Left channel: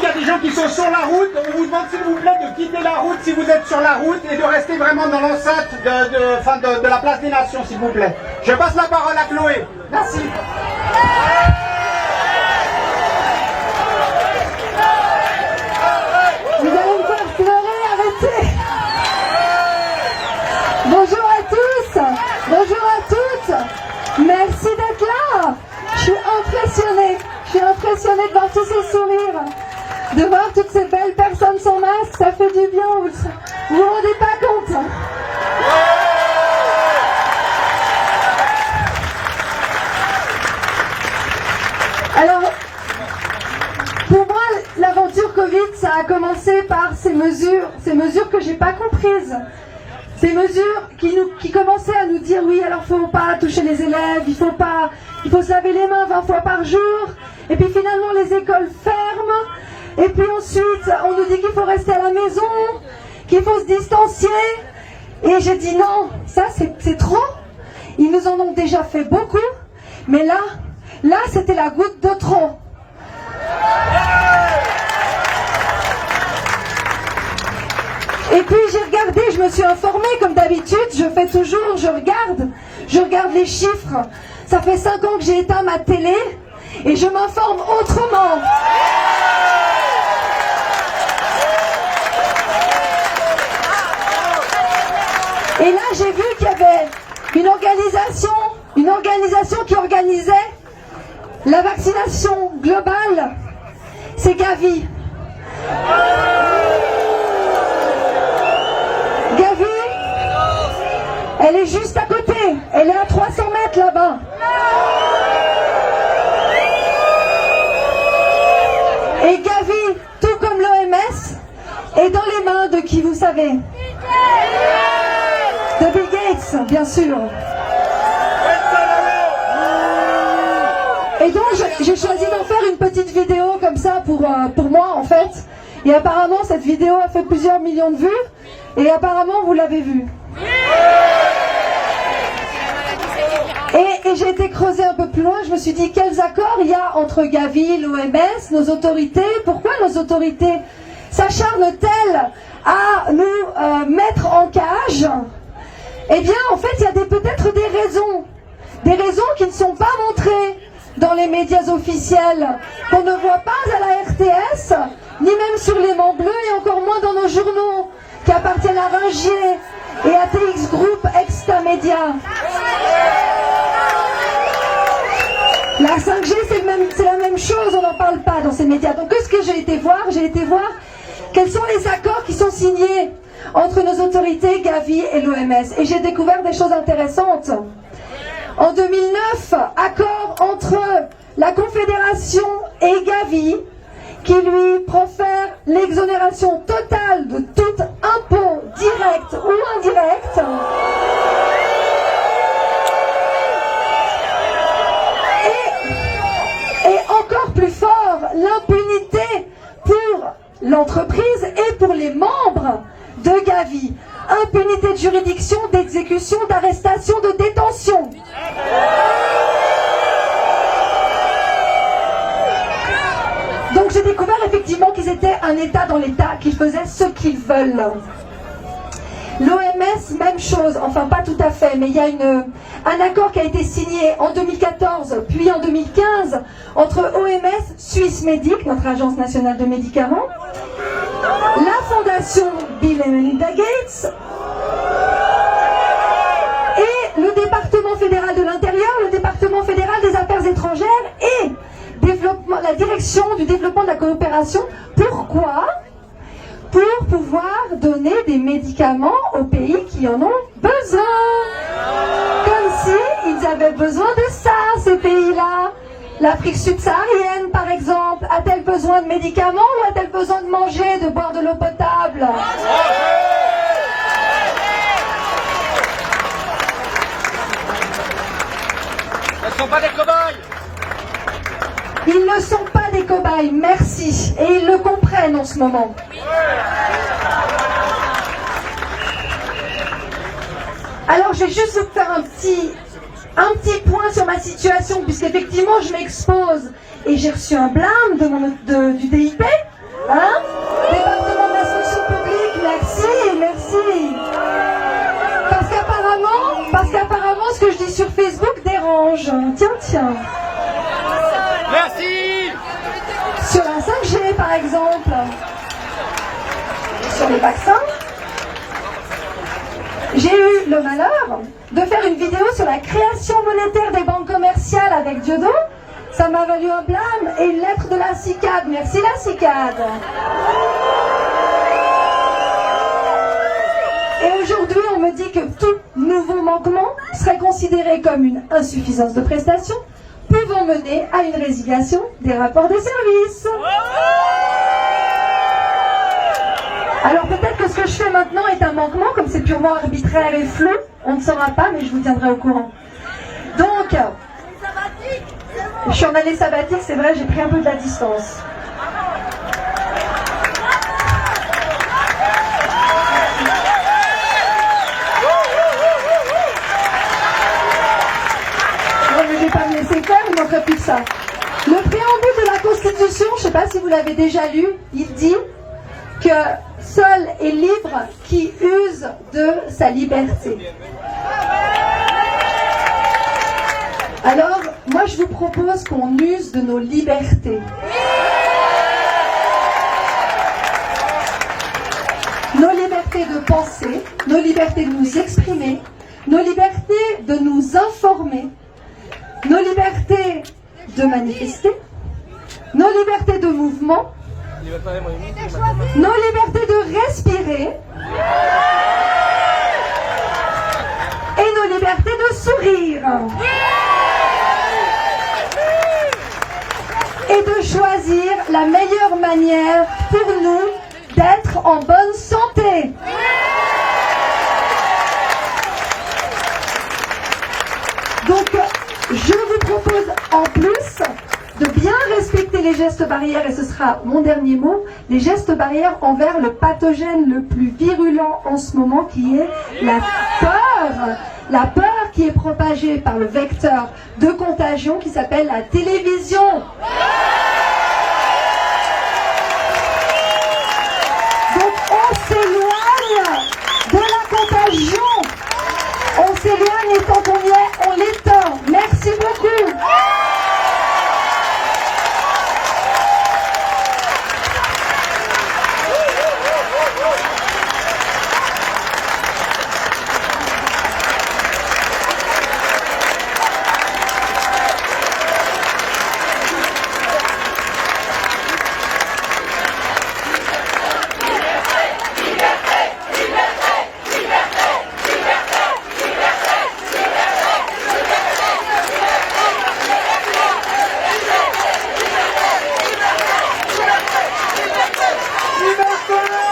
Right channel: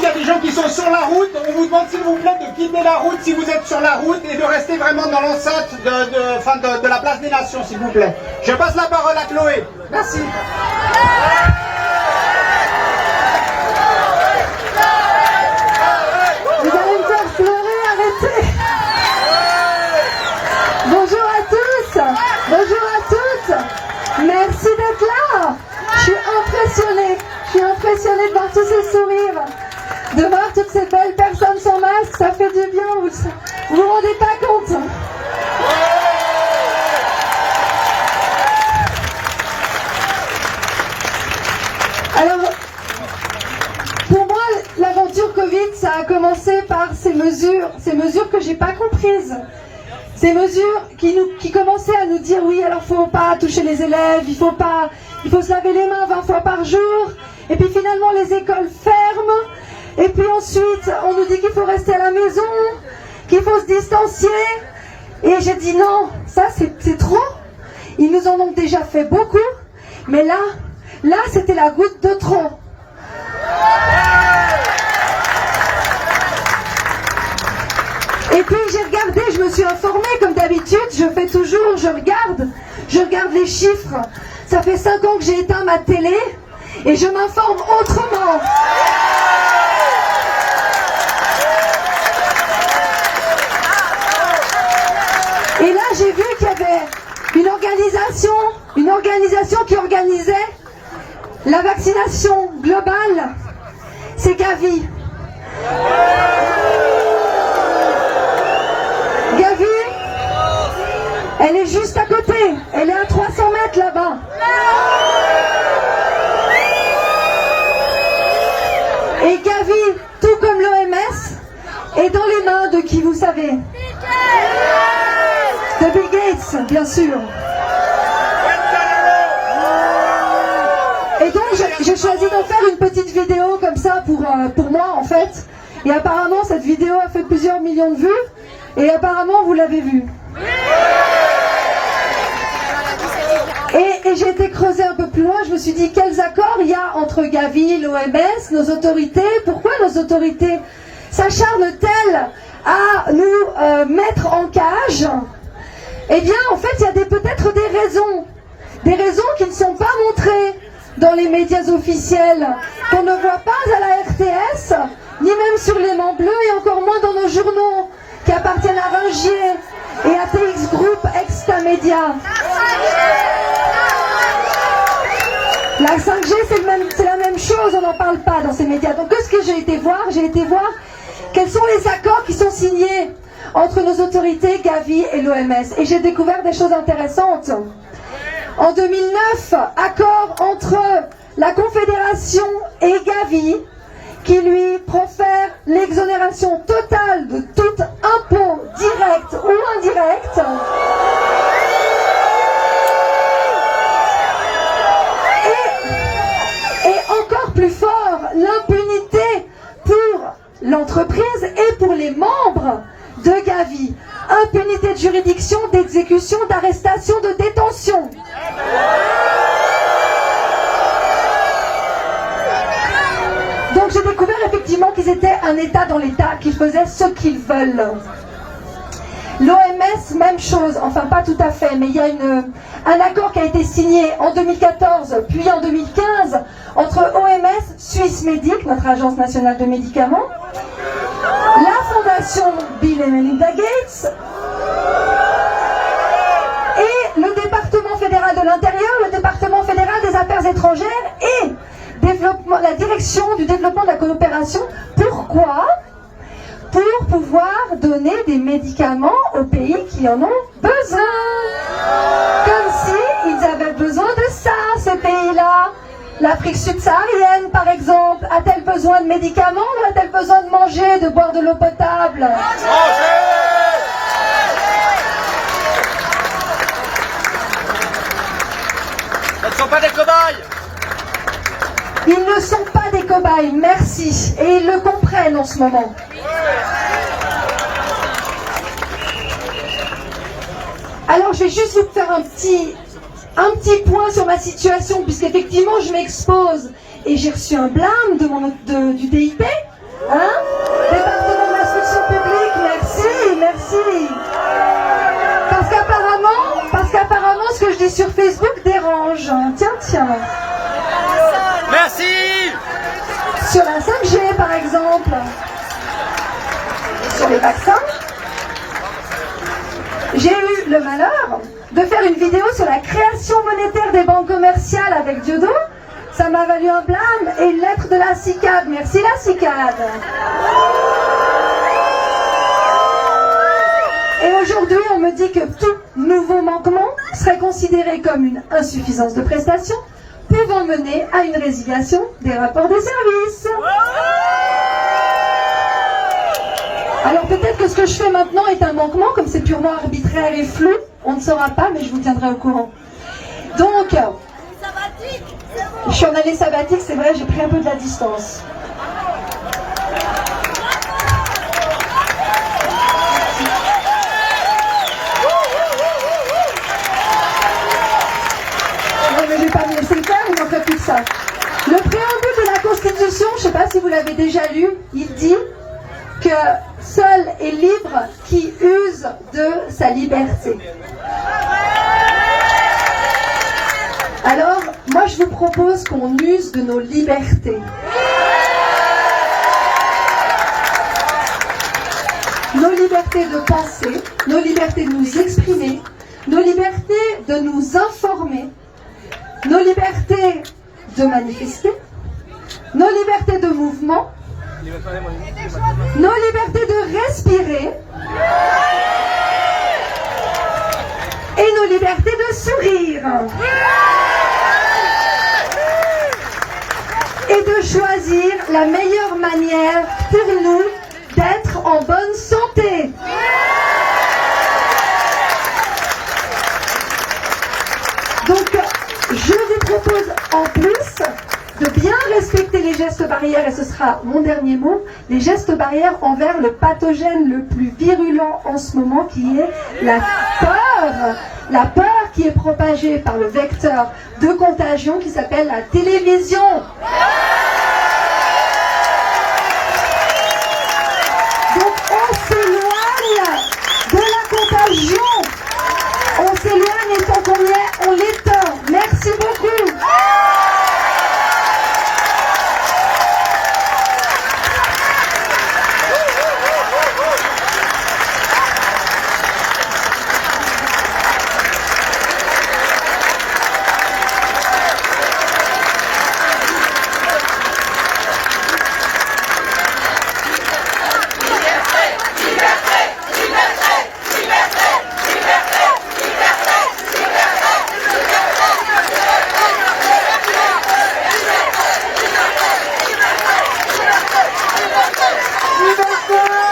il y a des gens qui sont sur la route. On vous demande s'il vous plaît de quitter la route si vous êtes sur la route et de rester vraiment dans l'enceinte de la place des Nations, s'il vous plaît. Je passe la parole à Chloé. Merci. Vous allez me faire pleurer, arrêtez. Bonjour à tous, bonjour à toutes. Merci d'être là. Je suis impressionnée de voir tous ces sourires, de voir toutes ces belles personnes sans masque. Ça fait du bien, vous vous rendez pas compte. Alors, pour moi, l'aventure Covid, ça a commencé par ces mesures que j'ai pas comprises. Ces mesures qui commençaient à nous dire oui, alors faut pas toucher les élèves, il faut se laver les mains 20 fois par jour. Et puis finalement les écoles ferment. Et puis ensuite on nous dit qu'il faut rester à la maison, qu'il faut se distancier. Et j'ai dit non, ça c'est trop. Ils nous en ont déjà fait beaucoup. Mais là c'était la goutte de trop. Et puis j'ai regardé, je me suis informée comme d'habitude, je fais toujours, je regarde les chiffres. Ça fait 5 ans que j'ai éteint ma télé et je m'informe autrement. Et là j'ai vu qu'il y avait une organisation qui organisait la vaccination globale. C'est Gavi. Gavi, elle est juste à côté, elle est à 300 mètres là-bas. Et Gavi, tout comme l'OMS, est dans les mains de qui vous savez? De Bill Gates, bien sûr. Et donc j'ai choisi d'en faire une petite vidéo comme ça pour moi en fait. Et apparemment cette vidéo a fait plusieurs millions de vues. Et apparemment, vous l'avez vu. Et j'ai été creuser un peu plus loin, je me suis dit, quels accords il y a entre Gavi, l'OMS, nos autorités? Pourquoi nos autorités s'acharnent-elles à nous mettre en cage? Eh bien, en fait, il y a peut-être des raisons qui ne sont pas montrées dans les médias officiels, qu'on ne voit pas à la RTS, ni même sur les Mans Bleus, et encore moins dans nos journaux, qui appartiennent à Ringier et à TX Group Extamedia. La 5G, c'est la même chose, on n'en parle pas dans ces médias. Donc, ce que j'ai été voir quels sont les accords qui sont signés entre nos autorités, Gavi et l'OMS. Et j'ai découvert des choses intéressantes. En 2009, accord entre la Confédération et Gavi, qui lui profère l'exonération totale de tout impôt direct ou indirect. Et encore plus fort, l'impunité pour l'entreprise et pour les membres de Gavi. Impunité de juridiction, d'exécution, d'arrestation, de détention. Donc j'ai découvert effectivement qu'ils étaient un État dans l'État, qu'ils faisaient ce qu'ils veulent. L'OMS, même chose, enfin pas tout à fait, mais il y a un accord qui a été signé en 2014 puis en 2015 entre OMS, Swissmedic, notre agence nationale de médicaments, la fondation Bill et Melinda Gates et le département fédéral de l'intérieur, le département fédéral des affaires étrangères et la direction du développement de la coopération. Pourquoi? Pour pouvoir donner des médicaments aux pays qui en ont besoin. Comme si ils avaient besoin de ça, ces pays-là. L'Afrique subsaharienne, par exemple, a-t-elle besoin de médicaments ou a-t-elle besoin de manger, de boire de l'eau potable? Ce ne sont pas des cobayes. Ils ne sont pas des cobayes, merci. Et ils le comprennent en ce moment. Alors, je vais juste vous faire un petit point sur ma situation, puisqu'effectivement, je m'expose et j'ai reçu un blâme du DIP. exemple sur les vaccins. J'ai eu le malheur de faire une vidéo sur la création monétaire des banques commerciales avec Diodo. Ça m'a valu un blâme et une lettre de la CICAD. Merci la CICAD. Et aujourd'hui, on me dit que tout nouveau manquement serait considéré comme une insuffisance de prestation, pouvant mener à une résiliation des rapports de service. Alors peut-être que ce que je fais maintenant est un manquement, comme c'est purement arbitraire et flou, on ne saura pas, mais je vous tiendrai au courant. Donc, je suis en année sabbatique, c'est vrai, j'ai pris un peu de la distance. Non, mais je vais pas me laisser faire, il n'en fait plus que ça. Le préambule de la Constitution, je ne sais pas si vous l'avez déjà lu, il dit que seul est libre qui use de sa liberté. Alors, moi je vous propose qu'on use de nos libertés. Nos libertés de penser, nos libertés de nous exprimer, nos libertés de nous informer, nos libertés de manifester, nos libertés de mouvement, nos libertés de respirer et nos libertés de sourire et de choisir la meilleure manière pour nous d'être en bonne santé. Donc, je vous propose en plus de bien respecter les gestes barrières, et ce sera mon dernier mot, les gestes barrières envers le pathogène le plus virulent en ce moment, qui est la peur. La peur qui est propagée par le vecteur de contagion qui s'appelle la télévision. Donc on s'éloigne de la contagion. On s'éloigne et tant qu'on y est, on l'éteint. Merci beaucoup. Liberté!